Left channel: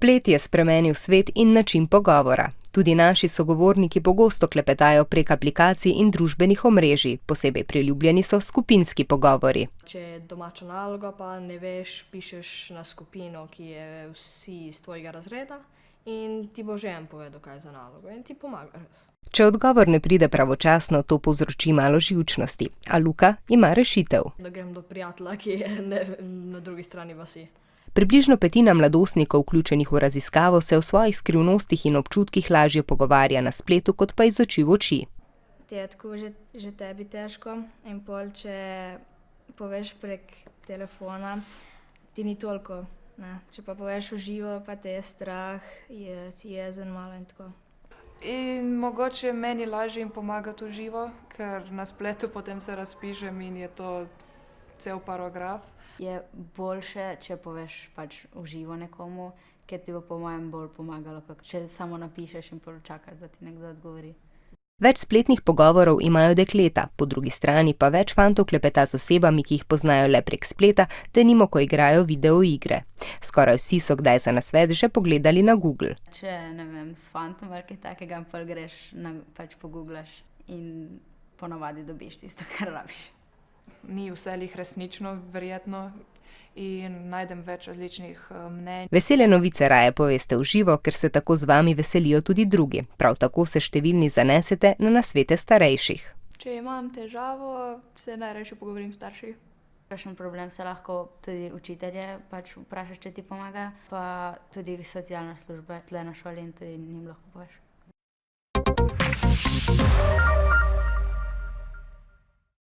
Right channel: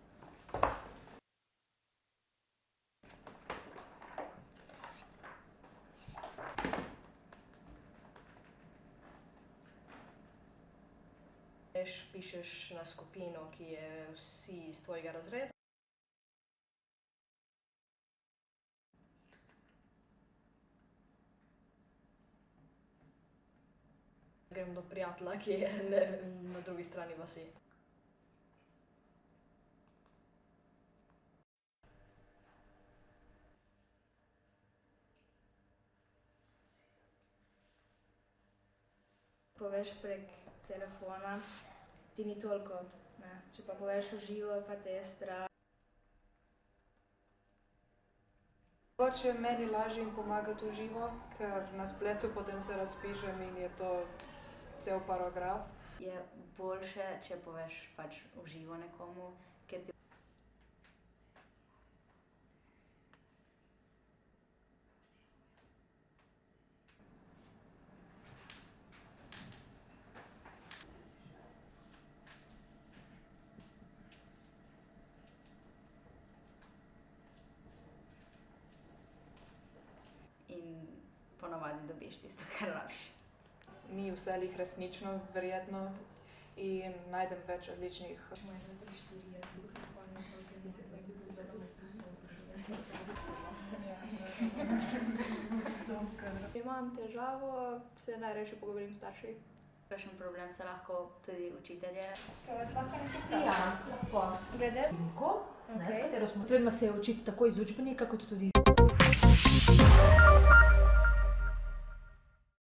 Splet je spremenil svet in način pogovora. Tudi naši sogovorniki pogosto klepetajo prek aplikacij in družbenih omrežij, posebej priljubljeni so skupinski pogovori. Če je domača naloga, pa ne veš, pišeš na skupino, ki je vsi iz tvojega razreda in ti bo že en povedal, kaj je za nalogo in ti pomaga. Če odgovor ne pride pravočasno, to povzroči malo živčnosti, a Luka ima rešitev. Da grem do prijatelja, ki je na drugi strani vasi. Približno petina mladostnikov, vključenih v raziskavo, se o svojih skrivnostih in občutkih lažje pogovarja na spletu, kot pa iz oči v oči. Je tako že tebi težko in pol, če poveš prek telefona, ti ni toliko. Ne? Če pa poveš v živo, pa te je strah, si jezen malo in tako. In mogoče meni lažje jim pomagati v živo, ker na spletu potem se razpišem in je to cel paragraf. Je boljše, če poveš pač v živo nekomu, ker ti bo po mojem bolj pomagalo, kot če samo napišeš in čakaš, da ti nekdo odgovori. Več spletnih pogovorov imajo dekleta, po drugi strani pa več fantov klepeta z osebami, ki jih poznajo le prek spleta, denimo, ko igrajo videoigre. Skoraj vsi so kdaj za nasvet že pogledali na Google. Če, ne vem, s fantom ali kaj takega, pa greš, pač pogooglaš in ponavadi dobiš tisto, kar rabiš. Ni vse lih resnično verjetno in najdem več različnih mnenj. Vesele novice raje poveste v živo, ker se tako z vami veselijo tudi drugi. Prav tako se številni zanesete na nasvete starejših. Če imam težavo, se najrajše pogovorim s starši. Kakšen problem se lahko tudi učitelje pač vprašaš, če ti pomaga, pa tudi socialna služba, ki je na šoli. Potrebno se je učiti tako iz učbenika, kot tudi iz